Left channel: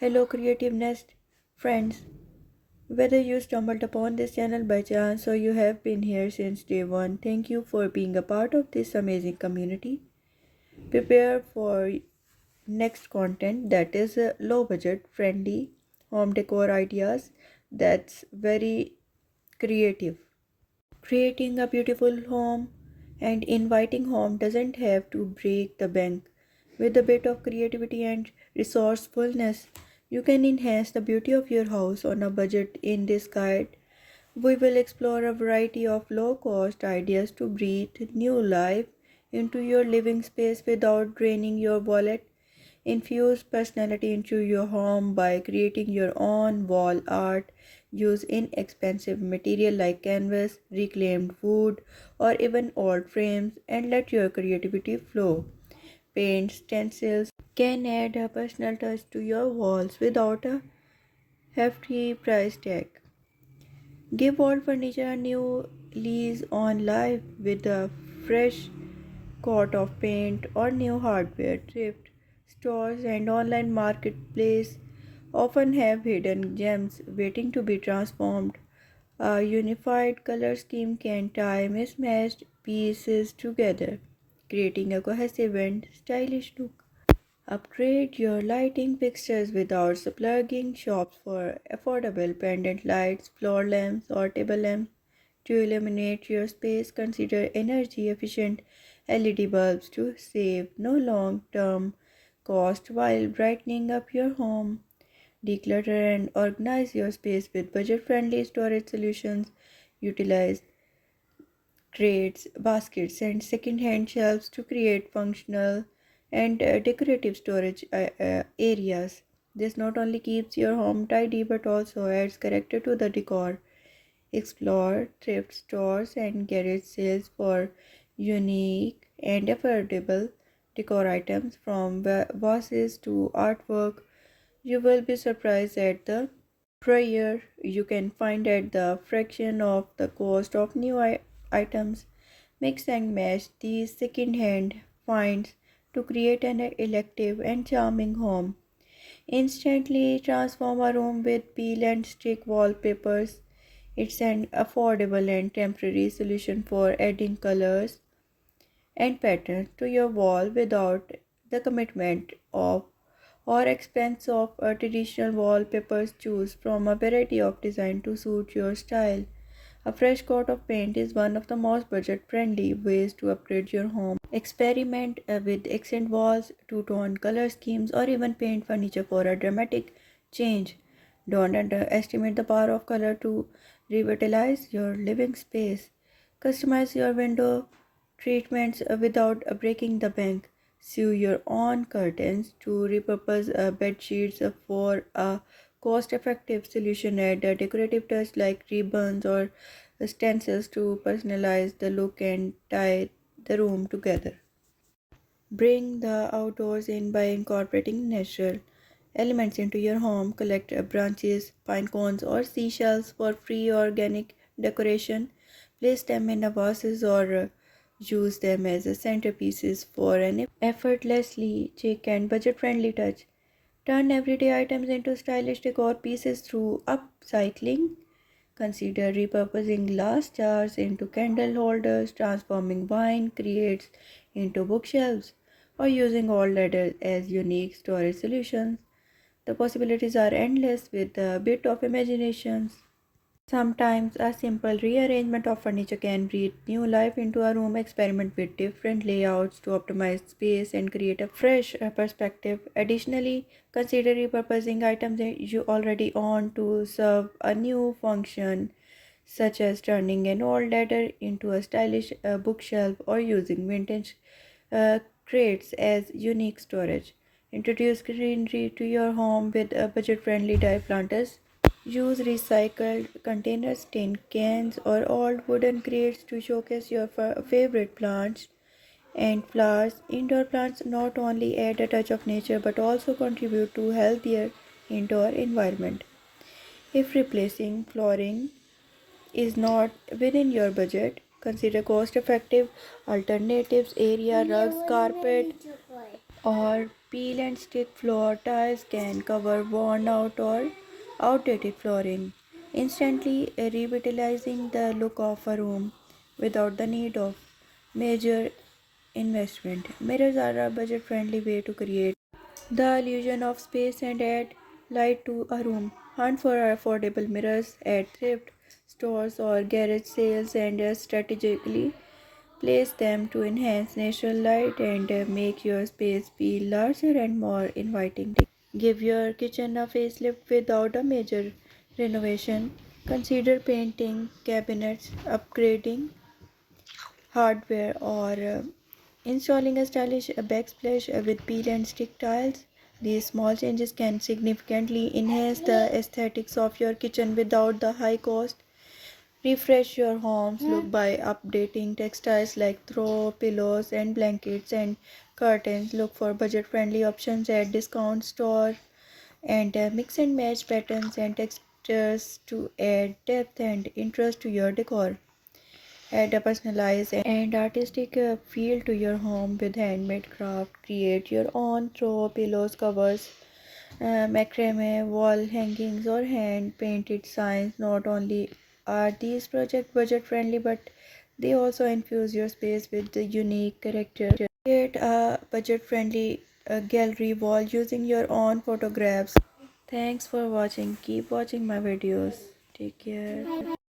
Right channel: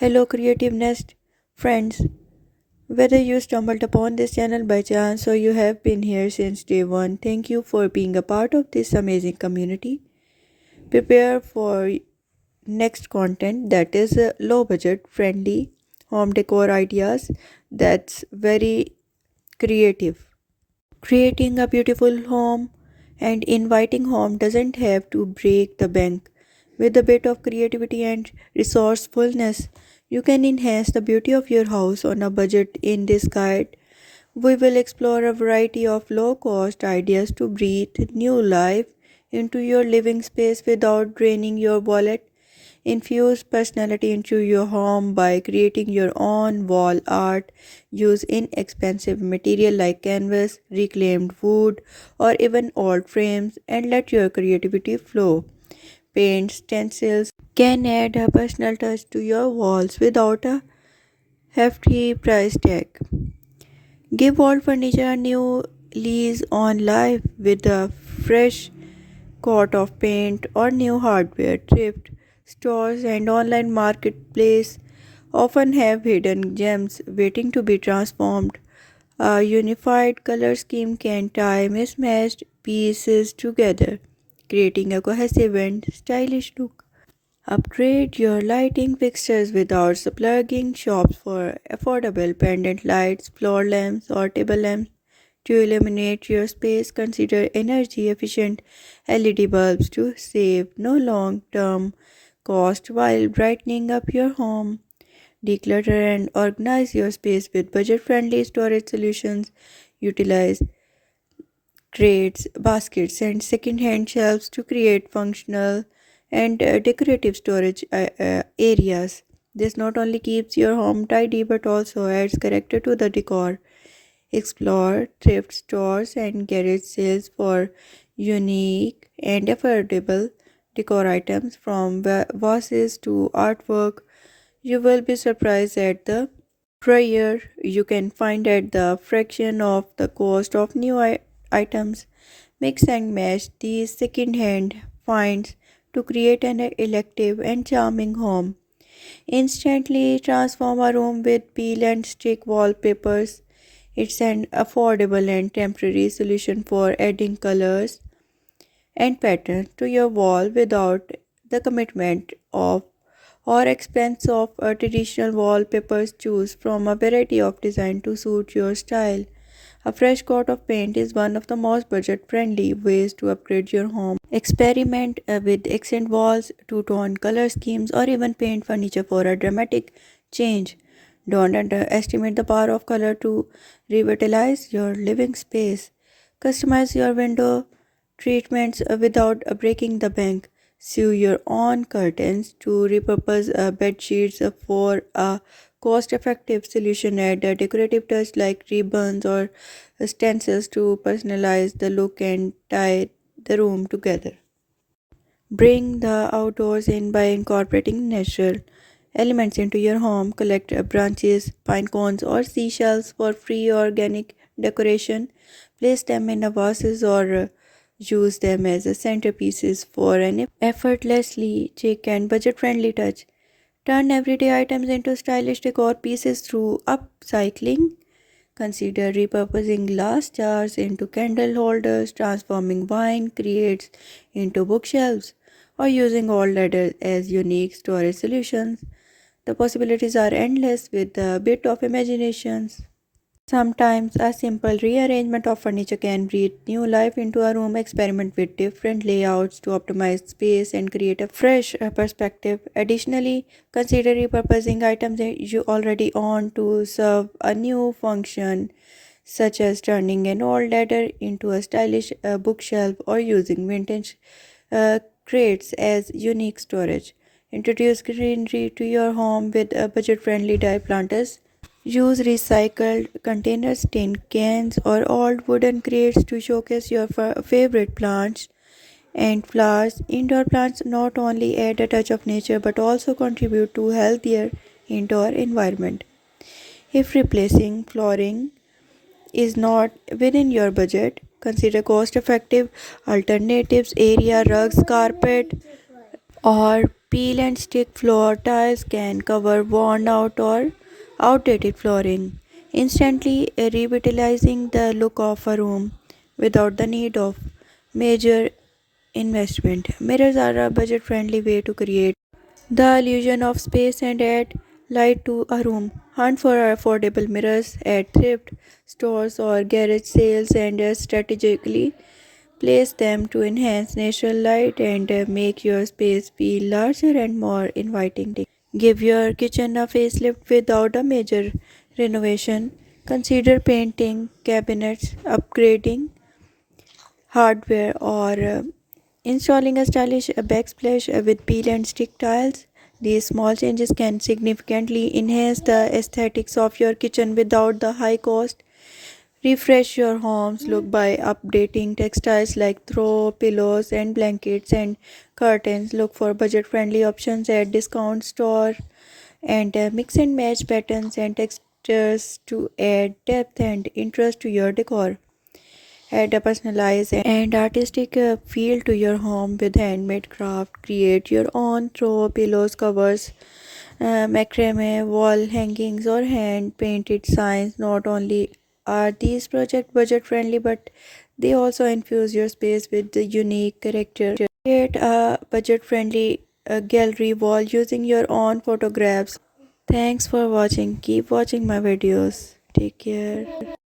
Hello, Creative Nest friends. Whether you stumbled upon this channel by chance or you have been here since day one, thank you for being a part of this amazing community. Prepare for next content that is low budget friendly home decor ideas that's very creative. Creating a beautiful home and inviting home doesn't have to break the bank. With a bit of creativity and resourcefulness, you can enhance the beauty of your house on a budget. In this guide, we will explore a variety of low cost ideas to breathe new life into your living space without draining your wallet. Infuse personality into your home by creating your own wall art. Use inexpensive material like canvas, reclaimed wood, or even old frames and let your creativity flow. Paint stencils can add a personal touch to your walls without a hefty price tag. Give old furniture a new lease on life with a fresh coat of paint or new hardware. Thrift stores and online marketplace often have hidden gems waiting to be transformed. A unified color scheme can tie mismatched pieces together, creating a cohesive and stylish look. Upgrade your lighting fixtures without splurging. Shops for affordable pendant lights, floor lamps, or table lamps. To illuminate your space, consider energy efficient LED bulbs to save no long term cost while brightening up your home. Declutter and organize your space with budget friendly storage solutions. Utilize crates, baskets, and second hand shelves to create functional and decorative storage areas. This not only keeps your home tidy but also adds character to the decor. Explore thrift stores and garage sales for unique and affordable decor items from vases to artwork. You will be surprised at the price you can find at the fraction of the cost of new items. Mix and match these second-hand finds to create an elective and charming home. Instantly transform a room with peel and stick wallpapers. It's an affordable and temporary solution for adding colors and patterns to your wall without the commitment of or expense of a traditional wallpapers. Choose from a variety of design to suit your style. A fresh coat of paint is one of the most budget friendly ways to upgrade your home. Experiment with accent walls, two tone color schemes, or even paint furniture for a dramatic change. Don't underestimate the power of color to revitalize your living space. Customize your window treatments without breaking the bank. Sew your own curtains to repurpose bed sheets for a cost effective solution. Add a decorative touch like ribbons or stencils to personalize the look and tie the room together. Bring the outdoors in by incorporating natural elements into your home. Collect branches, pine cones, or seashells for free organic decoration. Place them in a vases or use them as a centerpieces for an effortlessly chic and budget friendly touch. Turn everyday items into stylish decor pieces through upcycling. Consider repurposing glass jars into candle holders, transforming wine crates into bookshelves, or using old leather as unique storage solutions. The possibilities are endless with a bit of imagination. Sometimes a simple rearrangement of furniture can breathe new life into a room. Experiment with different layouts to optimize space and create a fresh perspective. Additionally, consider repurposing items that you already own to serve a new function, such as turning an old ladder into a stylish bookshelf or using vintage crates as unique storage. Introduce greenery to your home with budget friendly dye planters. Use recycled containers, tin cans, or old wooden crates to showcase your favorite plants and flowers. Indoor plants not only add a touch of nature but also contribute to healthier indoor environment. If replacing flooring is not within your budget, consider cost effective alternatives. Area rugs, carpet, or Peel and stick floor tiles can cover worn out or outdated flooring, instantly revitalizing the look of a room without the need of major investment. Mirrors are a budget friendly way to create the illusion of space and add light to a room. Hunt for affordable mirrors at thrift stores or garage sales and strategically place them to enhance natural light and make your space feel larger and more inviting. Give your kitchen a facelift without a major renovation. Consider painting cabinets, upgrading hardware, or installing a stylish backsplash with peel and stick tiles. These small changes can significantly enhance the aesthetics of your kitchen without the high cost. Refresh your home's look by updating textiles like throw pillows and blankets and curtains. Look for budget-friendly options at discount store and mix and match patterns and textures to add depth and interest to your decor. Add a personalized and artistic feel to your home with handmade craft. Create your own throw pillows, covers, macrame, wall hangings, or hand painted signs. Not only are these projects budget friendly, but they also infuse your space with the unique character. Create a budget friendly gallery wall using your own photographs. Thanks for watching. Keep watching my videos. Take care.